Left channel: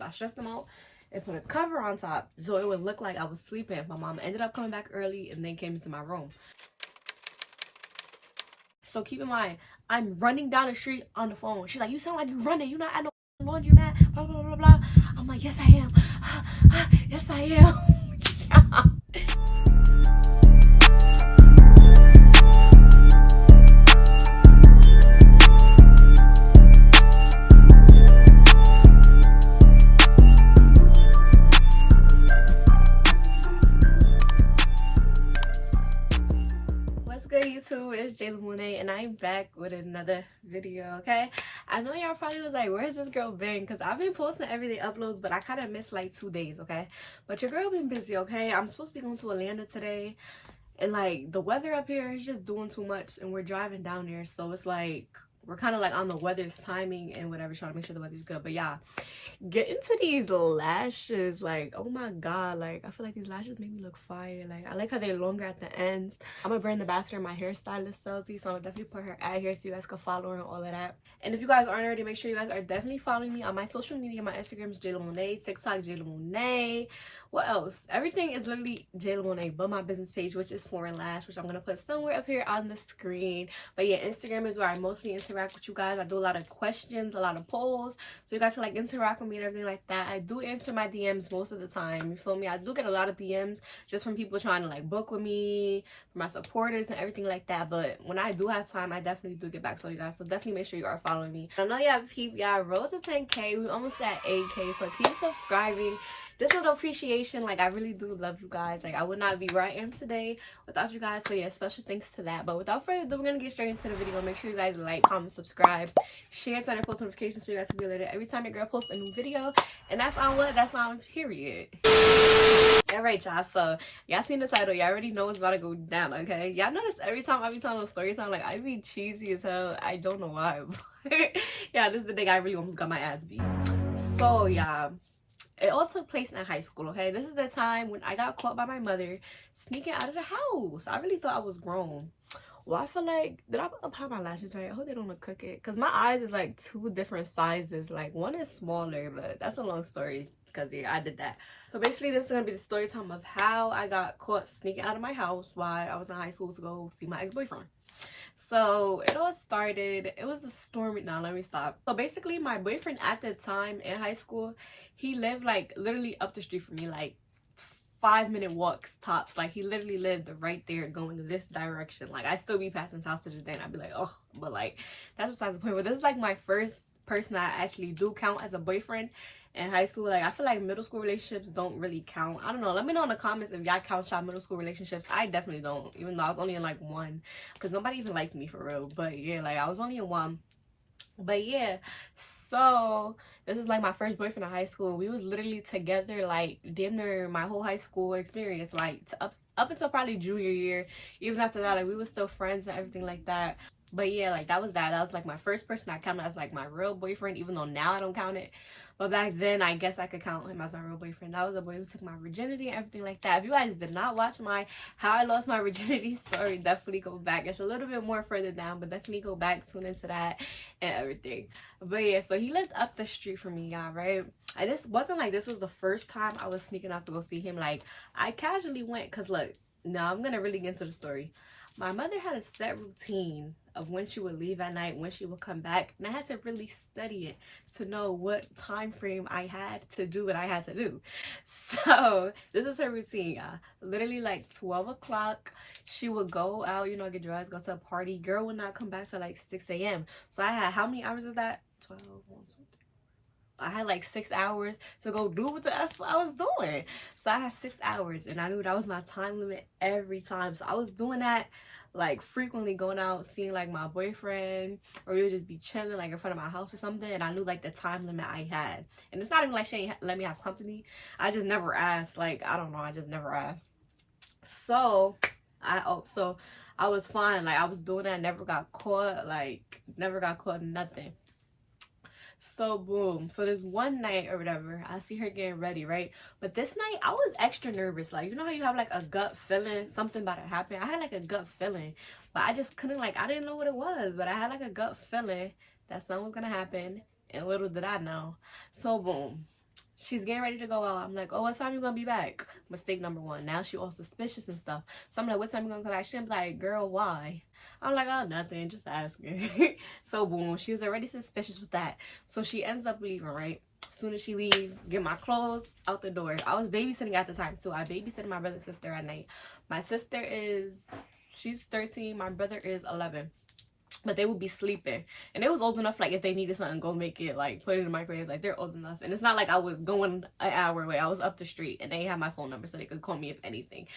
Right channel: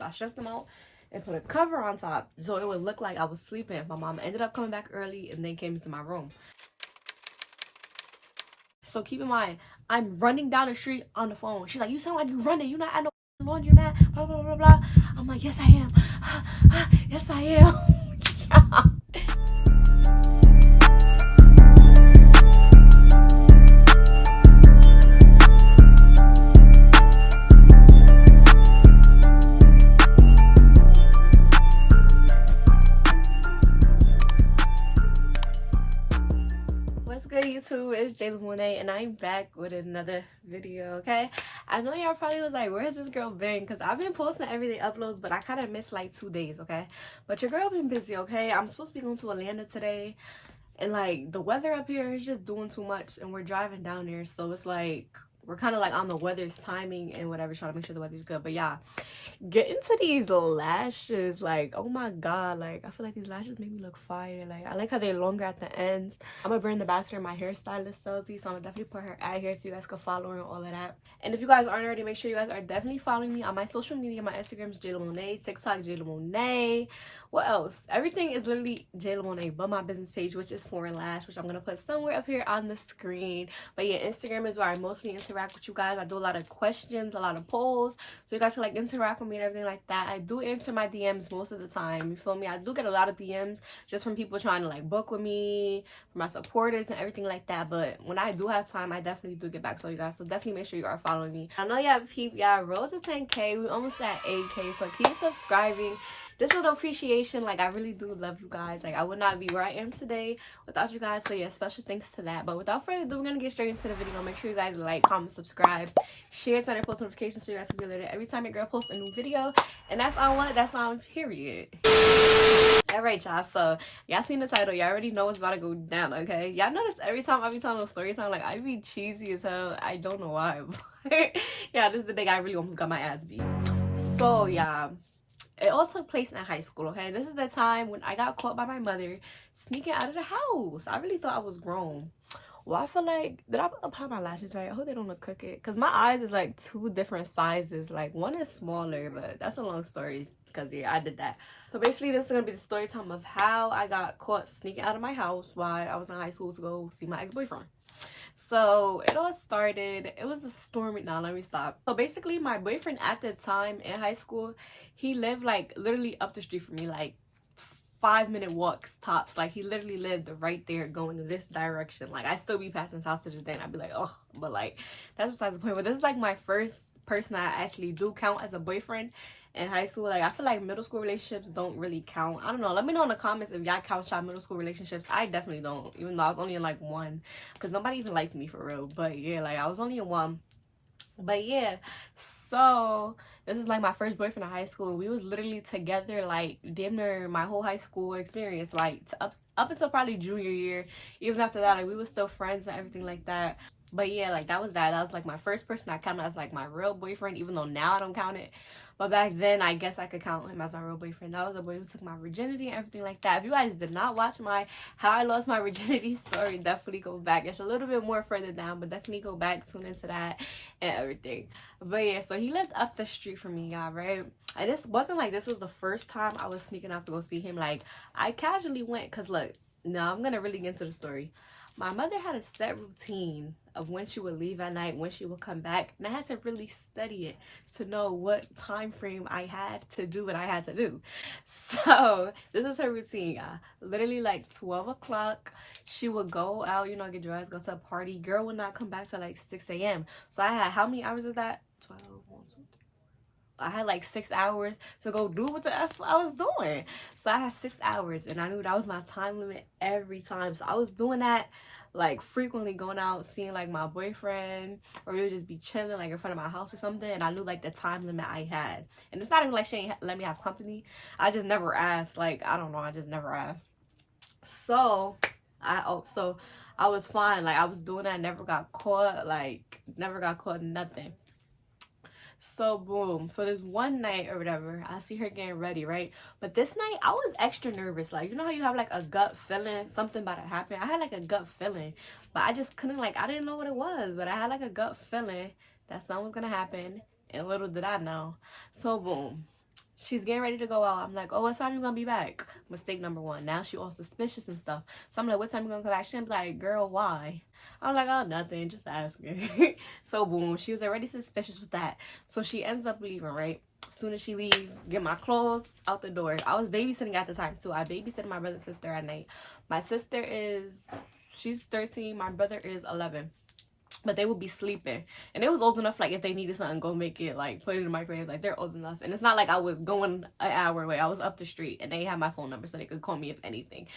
I stretched them out and put a cover on top so it would look like I was sleeping. My mom ended up coming back early and then came into my room. So keep in mind, I'm running down the street on the phone. She's like, you sound like you running. You not at no laundromat. Blah, blah, blah, blah. I'm like, yes, I am. Yes, I am. What's good, YouTube? It's Jaelah Monae and I'm back with another video. Okay, I know y'all probably was like, where's this girl been? Because I've been posting everyday uploads, but I kind of missed like 2 days. Okay, but your girl been busy. Okay, I'm supposed to be going to Atlanta today, and like the weather up here is just doing too much, and we're driving down there, so it's like we're kind of like on the weather's timing and whatever, trying to make sure the weather's good. But yeah, get into these lashes, like, oh my god, like I feel like these lashes make me look fire. Like I like how they're longer at the ends. I'm gonna bring the bathroom my hairstylist Sophie, so I'm gonna definitely put her ad here so you guys can follow her and all of that. And if you guys aren't already, make sure you guys are definitely following me on my social media. My Instagram is Jaelah Monae, TikTok Jaelah Monae. What else? Everything is literally Jaelah Monae but my business page, which is Foreign Lash, which I'm gonna put somewhere up here on the screen. But yeah, Instagram is where I mostly interact with you guys. I do a lot of questions, a lot of polls, so you guys can like interact with me and everything like that. I do answer my DMs most of the time, you feel me? I do get a lot of DMs just from people trying to like book with me, from my supporters and everything like that. But when I do have time, I definitely do get back to you guys, so definitely make sure you are following me. I know y'all peep, y'all rose to 10K. We almost at 8K, so keep subscribing. This little appreciation, like I really do love you guys. Like I would not be where I am today without you guys, so yeah, special thanks to that. But without further ado, we're gonna get straight into the video. Make sure you guys like, comment, subscribe, share, turn on post notifications so you guys can be alerted every time your girl posts a new video. And that's on what? That's on period. Alright, y'all, so y'all seen the title, y'all already know what's about to go down. Okay, y'all notice every time I be telling a story time, like I be cheesy as hell. I don't know why, but yeah, this is the day I really almost got my ass beat. So yeah, it all took place in high school. Okay, this is the time when I got caught by my mother sneaking out of the house. I really thought I was grown. Well, I feel like, did I apply my lashes right? I hope they don't look crooked, because my eyes is like 2 different sizes. Like one is smaller, but that's a long story because yeah, I did that. So basically this is gonna be the story time of how I got caught sneaking out of my house while I was in high school to go see my ex-boyfriend. So it all started, it was a stormy, now let me stop. So basically my boyfriend at the time in high school, he lived like literally up the street from me, like 5-minute walks tops. Like he literally lived right there going this direction. Like I still be passing his house to this day and I'd be like, oh, but like that's besides the point. But this is like my first person I actually do count as a boyfriend in high school. Like I feel like middle school relationships don't really count. I don't know, let me know in the comments if y'all count y'all middle school relationships. I definitely don't, even though I was only in like 1 because nobody even liked me for real. But yeah, like I was only in 1. But yeah, so this is like my first boyfriend in high school. We was literally together like damn near my whole high school experience, like up until probably junior year. Even after that, like we were still friends and everything like that. But yeah, like that was like my first person I counted as like my real boyfriend, even though now I don't count it. But back then, I guess I could count him as my real boyfriend. That was the boy who took my virginity and everything like that. If you guys did not watch my how I lost my virginity story, definitely go back. It's a little bit more further down, but definitely go back, tune into that and everything. But yeah, so he lived up the street from me, y'all, right? I just wasn't like this was the first time I was sneaking out to go see him. Like I casually went, because look, now I'm gonna really get into the story. My mother had a set routine of when she would leave at night, when she would come back, and I had to really study it to know what time frame I had to do what I had to do. So this is her routine, y'all. Literally like 12 o'clock, she would go out, you know, get dressed, go to a party. Girl would not come back till like 6 a.m. So I had, how many hours is that? 12, 1, 2, 3. I had like 6 hours to go do what the F I was doing. So I had 6 hours and I knew that was my time limit every time. So I was doing that like frequently, going out, seeing like my boyfriend, or we would just be chilling like in front of my house or something. And I knew like the time limit I had. And it's not even like she ain't let me have company. I just never asked. Like, I don't know. I just never asked. So I was fine. Like I was doing that. Never got caught. Like never got caught, nothing. So boom, so this one night or whatever, I see her getting ready, right? But this night I was extra nervous. Like, you know how you have like a gut feeling something about to happen? I had like a gut feeling, but I just couldn't, like, I didn't know what it was, but I had like a gut feeling that something was gonna happen, and little did I know. So boom, She's getting ready to go out. I'm like, oh, what time you gonna be back? Mistake number one. Now she all suspicious and stuff. So I'm like, what time you gonna come back? She'll be like, girl, why? I'm like, oh, nothing, just asking. So boom, she was already suspicious with that. So she ends up leaving, right? As soon as she leave, get my clothes out the door. I was babysitting at the time too. I babysitted my brother and sister at night. My sister she's 13. My brother is 11. But they would be sleeping, and they was old enough, like if they needed something, go make it, like put it in the microwave. Like they're old enough, and it's not like I was going an hour away. I was up the street, and they had my phone number so they could call me if anything.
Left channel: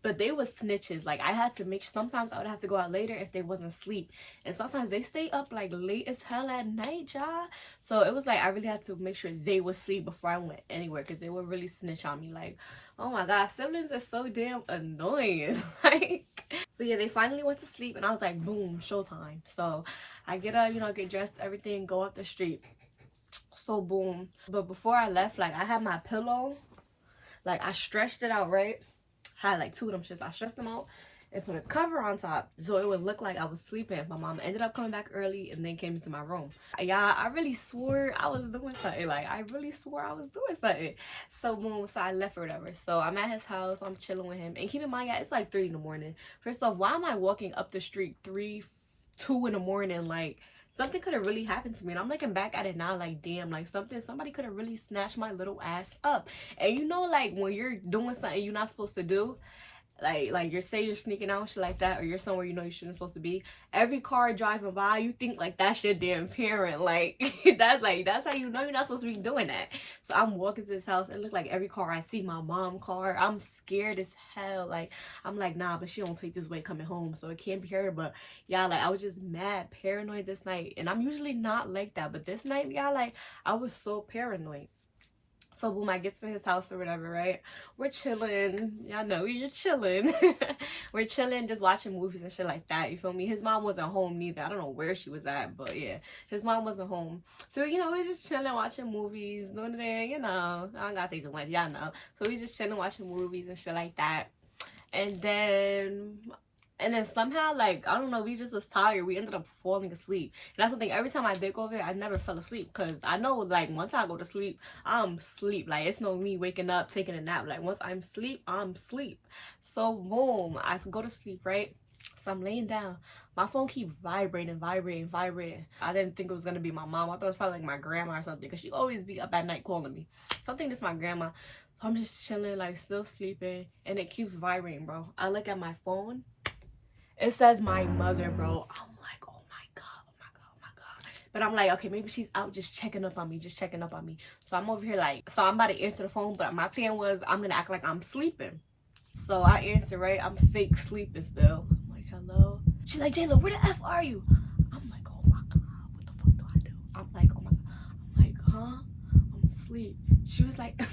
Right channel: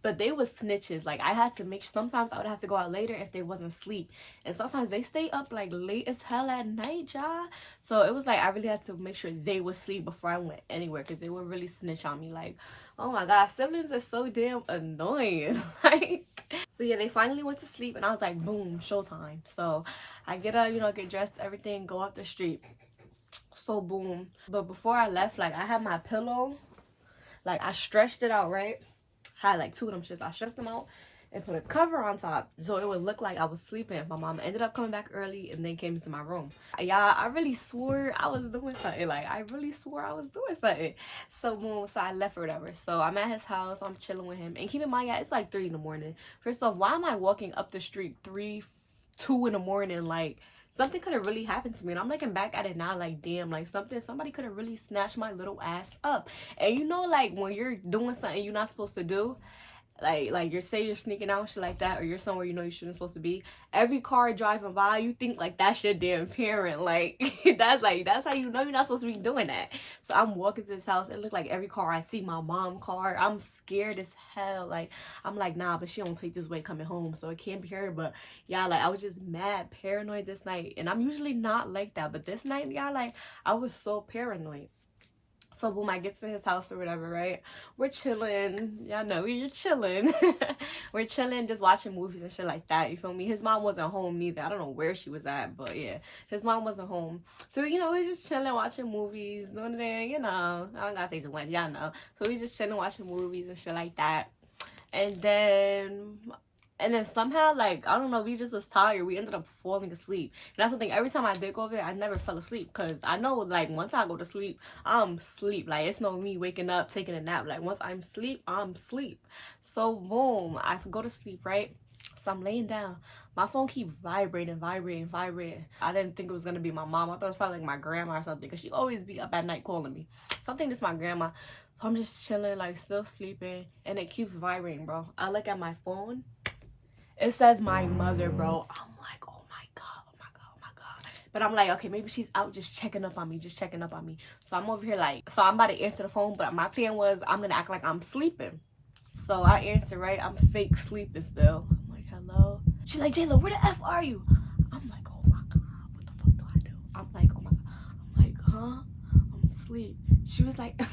But they was snitches. Like I had to make, sometimes I would have to go out later if they wasn't asleep, and sometimes they stay up like late as hell at night, y'all. So it was like I really had to make sure they would sleep before I went anywhere, because they would really snitch on me. Like, oh my god, siblings are so damn annoying. Like, so yeah, they finally went to sleep, and I was like, boom, showtime. So I get up, you know, get dressed, everything, go up the street. So boom. But before I left, like I had my pillow, like I stretched it out, right? I had like 2 of them shits. I stretched them out and put a cover on top so it would look like I was sleeping. My mom ended up coming back early and then came into my room. Yeah, I really swore I was doing something. Like I really swore I was doing something. So boom, so I left or whatever. So I'm at his house, I'm chilling with him, and keep in mind, yeah, it's like 3 in the morning. First off, why am I walking up the street 2 in the morning? Like something could have really happened to me, and I'm looking back at it now like, damn, like somebody could have really snatched my little ass up. And you know, like when you're doing something you're not supposed to do, like you're sneaking out and shit like that, or you're somewhere you know you shouldn't supposed to be, every car driving by, you think like that's your damn parent. Like that's how you know you're not supposed to be doing that. So I'm walking to this house, it looked like every car I see, my mom car. I'm scared as hell. Like I'm like, nah, but she don't take this way coming home, so it can't be her. But yeah, like I was just mad paranoid this night, and I'm usually not like that, but this night, yeah, like I was so paranoid. So boom, I get to his house or whatever, right? We're chilling. Y'all know we're chilling. We're chilling, just watching movies and shit like that. You feel me? His mom wasn't home neither. I don't know where she was at, but yeah, his mom wasn't home. So, you know, we're just chilling, watching movies, doing it, you know. I don't gotta say too much, y'all know. So we just chilling, watching movies and shit like that. And then somehow, like, I don't know, we just was tired. We ended up falling asleep. And that's the thing. Every time I did go over there, I never fell asleep. Because I know, like, once I go to sleep, I'm asleep. Like, it's no me waking up, taking a nap. Like, once I'm asleep, I'm asleep. So, boom. I go to sleep, right? So, I'm laying down. My phone keeps vibrating. I didn't think it was going to be my mom. I thought it was probably, like, my grandma or something. Because she always be up at night calling me. So, I think it's my grandma. So, I'm just chilling, like, still sleeping. And it keeps vibrating, bro. I look at my phone. It says my mother, bro. I'm like, oh my god. But I'm like, okay, maybe she's out just checking up on me, So I'm over here like, so I'm about to answer the phone, but my plan was I'm gonna act like I'm sleeping. So I answer, right? I'm fake sleeping still. I'm like, hello? She's like, Jaelah, where the F are you? I'm like, oh my god, what the fuck do I do? I'm like, oh my god. I'm like, huh? I'm asleep. She was like, oh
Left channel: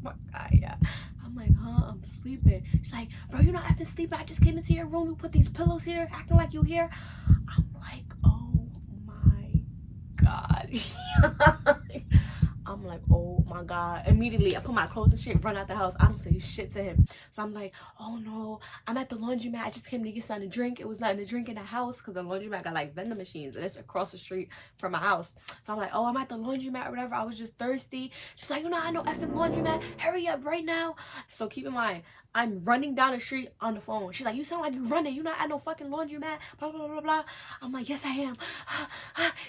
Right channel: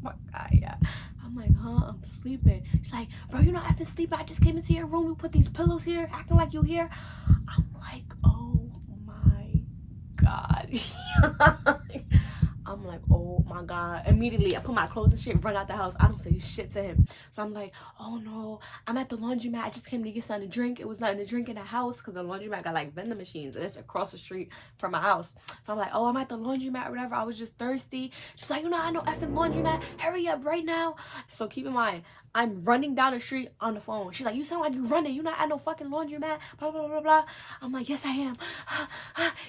my god, yeah. I'm like, huh? I'm sleeping. She's like, bro, you're not effing sleeping. I just came into your room. You put these pillows here, acting like you here. I'm like, oh my god. I'm like, oh my god. Immediately, I put my clothes and shit, run out the house. I don't say shit to him. So I'm like, oh no, I'm at the laundromat. I just came to get something to drink. It was nothing to drink in the house because the laundromat got like vending machines and it's across the street from my house. So I'm like, oh, I'm at the laundromat or whatever. I was just thirsty. She's like, you know, I know effing laundromat. Hurry up right now. So keep in mind, I'm running down the street on the phone. She's like, you sound like you running. You not at no fucking laundromat. Blah, blah, blah, blah. I'm like, yes, I am.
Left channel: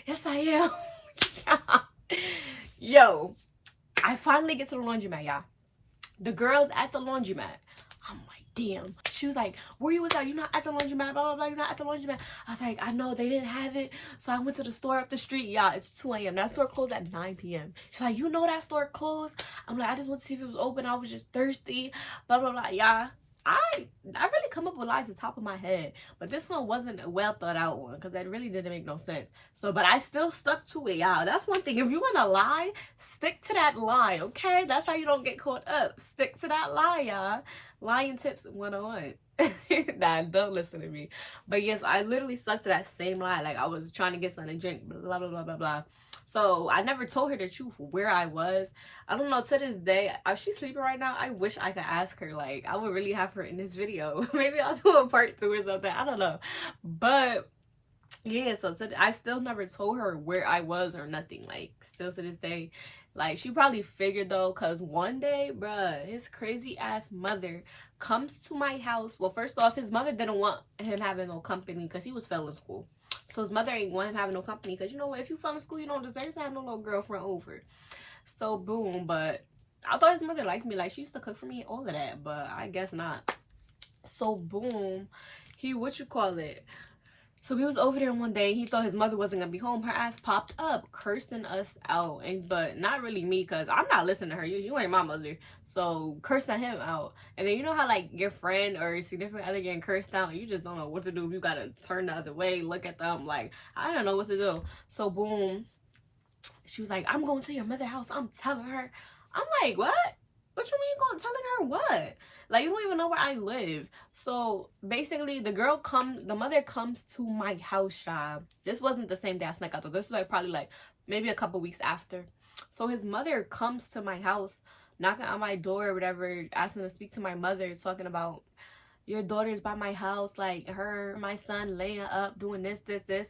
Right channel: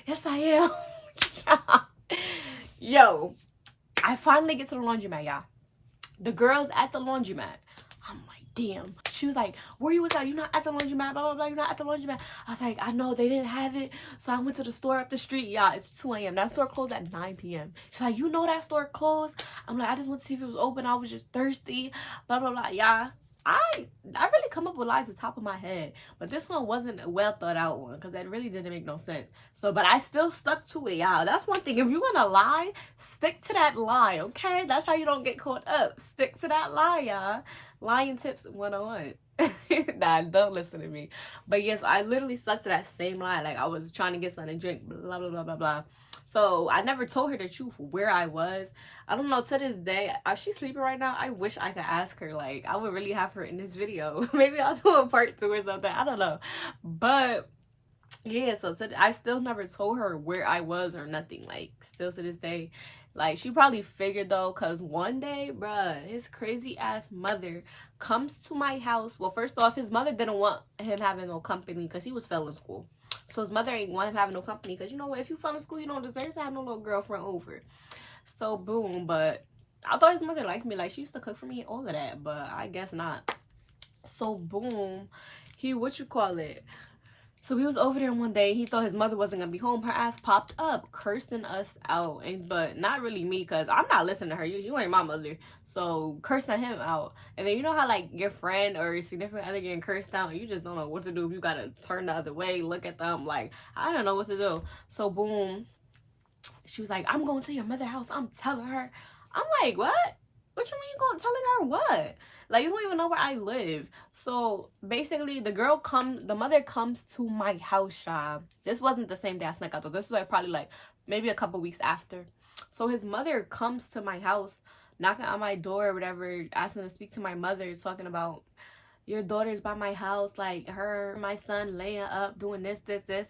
Yes, I am. Yo, I finally get to the laundromat, y'all. The girl's at the laundromat. I'm like, damn. She was like, where you was at? You not at the laundromat, blah, blah, blah. You're not at the laundromat. I was like, I know, they didn't have it. So I went to the store up the street. Yeah, it's 2 a.m. That store closed at 9 p.m. She's like, you know that store closed? I'm like, I just want to see if it was open. I was just thirsty, blah, blah, blah. Yeah. I really come up with lies at the top of my head, but this one wasn't a well thought out one because that really didn't make no sense. So, but I still stuck to it, y'all. That's one thing. If you're gonna lie, stick to that lie, okay? That's how you don't get caught up. Stick to that lie, y'all. Lying tips 101. Nah, don't listen to me. But yes, I literally stuck to that same lie. Like I was trying to get something to drink, blah, blah, blah, blah, blah. So I never told her the truth where I was. I don't know, to this day, if she's sleeping right now, I wish I could ask her. Like, I would really have her in this video. Maybe I'll do a part 2 or something. I don't know. But yeah, so I still never told her where I was or nothing. Like, still to this day, Like, she probably figured though, because one day, bruh, his crazy ass mother comes to my house. Well, first off, his mother didn't want him having no company because he was failing school. So his mother ain't want him having no company because, you know what, if you fail in school, you don't deserve to have no little girlfriend over. So boom. But I thought his mother liked me. Like, she used to cook for me and all of that, but I guess not. So boom, he, what you call it, so we was over there one day. He thought his mother wasn't gonna be home. Her ass popped up cursing us out, and but not really me, because I'm not listening to her. You ain't my mother. So cursing him out. And then you know how like your friend or your significant other getting cursed out, and you just don't know what to do. You gotta turn the other way, look at them. Like, I don't know what to do. So boom, she was like, I'm going to your mother's house. I'm telling her. I'm like, what? What you mean you going telling her what? Like, you don't even know where I live. So basically, the mother comes to my house, y'all. This wasn't the same day I snuck out though. This was like probably like maybe a couple weeks after. So his mother comes to my house, knocking on my door or whatever, asking to speak to my mother, talking about, your daughter's by my house, like my son laying up doing this.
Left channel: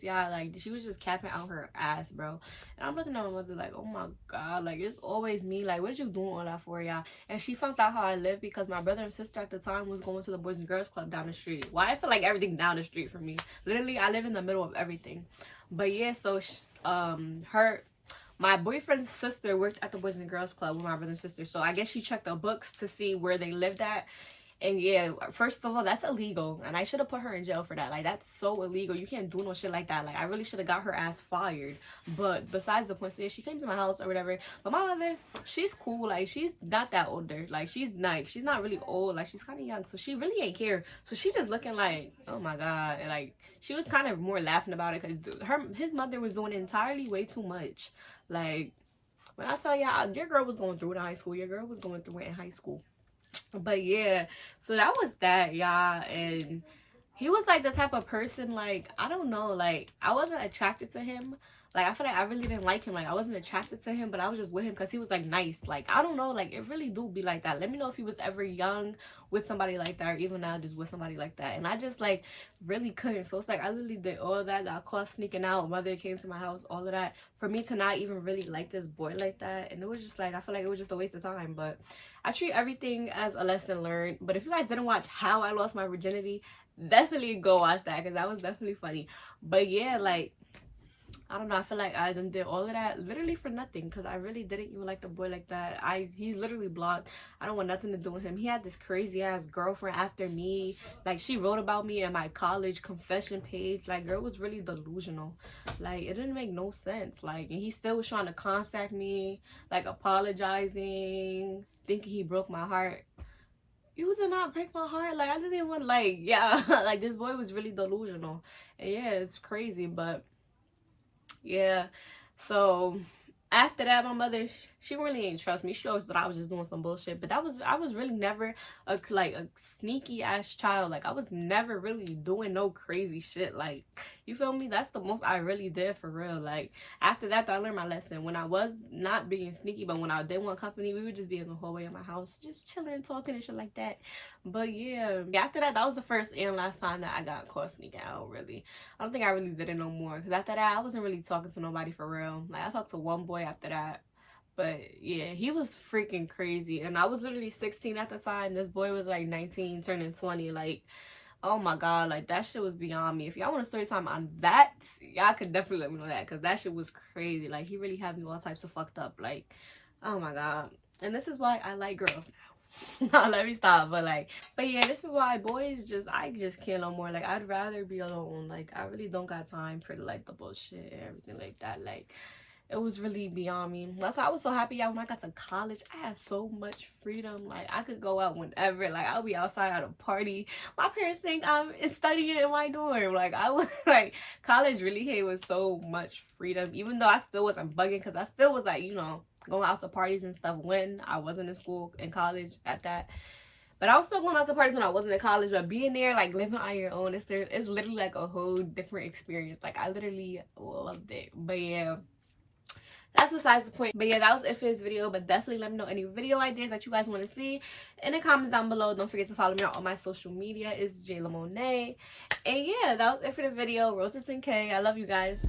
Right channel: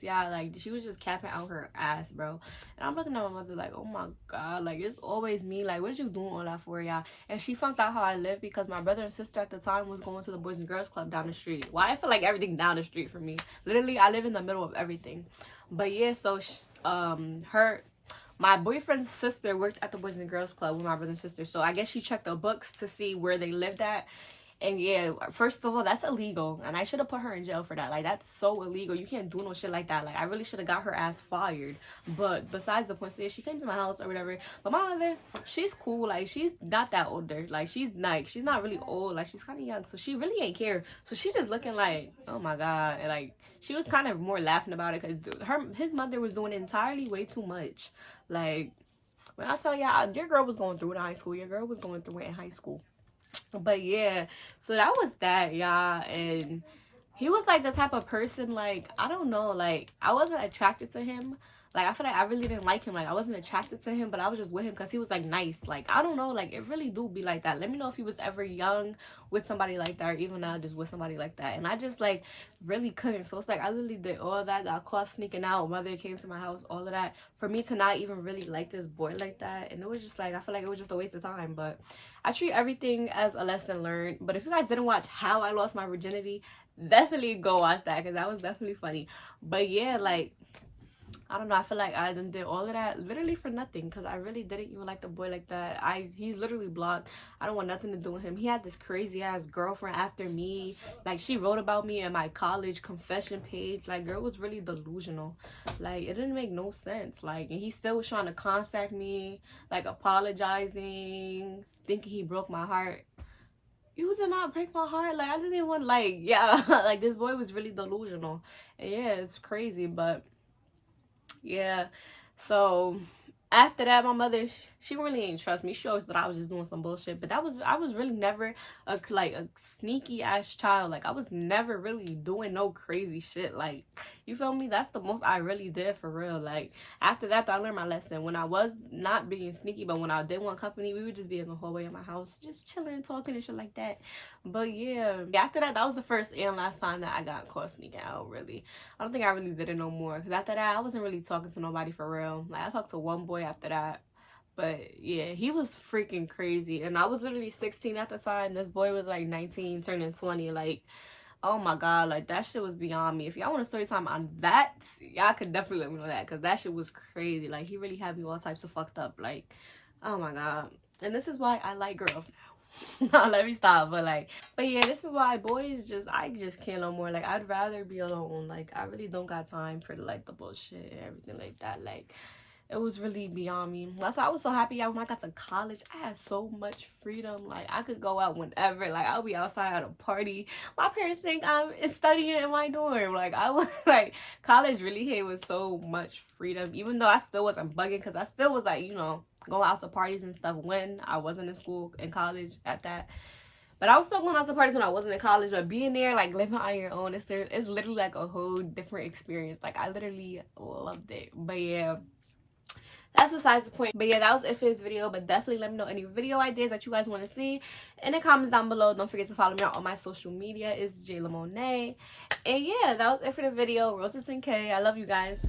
Yeah, like she was just capping out her ass, bro. And I'm looking at my mother like, oh my god, like it's always me. Like, what you doing all that for, y'all? And she found out how I live because my brother and sister at the time was going to the Boys and Girls Club down the street. Why I feel like everything down the street for me. Literally, I live in the middle of everything. But yeah, so my boyfriend's sister worked at the Boys and Girls Club with my brother and sister. So I guess she checked the books to see where they lived at. And yeah, first of all, that's illegal. And I should have put her in jail for that. Like, that's so illegal. You can't do no shit like that. Like, I really should have got her ass fired. But besides the point, so yeah, she came to my house or whatever. But my mother, she's cool. Like, she's not that older. Like, she's nice. She's not really old. Like, she's kind of young. So she really ain't care. So she just looking like, oh my god. And like, she was kind of more laughing about it because his mother was doing entirely way too much. Like, when I tell y'all, your girl was going through it in high school. Your girl was going through it in high school. But yeah, so that was that, y'all. And he was like the type of person, like, I don't know, like, I wasn't attracted to him. Like, I feel like I really didn't like him. Like, I wasn't attracted to him, but I was just with him because he was like nice. Like, I don't know, like, it really do be like that. Let me know if he was ever young with somebody like that, or even now just with somebody like that. And I just like really couldn't. So it's like I literally did all that, got caught sneaking out, mother came to my house, all of that, for me to not even really like this boy like that. And it was just like, I feel like it was just a waste of time. But I treat everything as a lesson learned. But if you guys didn't watch How I Lost My Virginity, definitely go watch that, because that was definitely funny. But yeah, like, I don't know, I feel like I done did all of that literally for nothing, because I really didn't even like the boy like that. He's literally blocked. I don't want nothing to do with him. He had this crazy ass girlfriend after me. Like, she wrote about me in my college confession page. Like, girl was really delusional. Like, it didn't make no sense. Like, and he still was trying to contact me, like apologizing, thinking he broke my heart. You did not break my heart. Like, I didn't even, like, yeah, like, this boy was really delusional. And yeah, it's crazy. But yeah, so after that, my mother, she really didn't trust me. She always thought I was just doing some bullshit. But I was really never a sneaky ass child. Like, I was never really doing no crazy shit. Like, you feel me? That's the most I really did for real. Like, after that, I learned my lesson. When I was not being sneaky, but when I did want company, we would just be in the hallway of my house, just chilling, talking and shit like that. But yeah, after that, that was the first and last time that I got caught sneaking out, really. I don't think I really did it no more. Because after that, I wasn't really talking to nobody for real. Like, I talked to one boy after that. But yeah, he was freaking crazy. And I was literally 16 at the time. This boy was like 19, turning 20. Like, oh my god, like, that shit was beyond me. If y'all want a story time on that, y'all could definitely let me know that, because that shit was crazy. Like, he really had me all types of fucked up. Like, oh my god. And this is why I like girls now. Nah, let me stop. But yeah, this is why boys I just can't no more. Like, I'd rather be alone. Like, I really don't got time for like the bullshit and everything like that. Like, it was really beyond me. That's why I was so happy when I got to college. I had so much freedom. Like, I could go out whenever. Like, I'll be outside at a party. My parents think I'm studying in my dorm. Like, I was like, college really came with so much freedom. Even though I still wasn't bugging, because I still was like, you know, going out to parties and stuff when I wasn't in school, in college at that. But I was still going out to parties when I wasn't in college. But being there, like, living on your own, it's literally like a whole different experience. Like, I literally loved it. But yeah, that's besides the point. But yeah, that was it for this video. But definitely let me know any video ideas that you guys want to see in the comments down below. Don't forget to follow me on all my social media. It's Jaelah Monae. And yeah, that was it for the video. Road to 10K. I love you guys.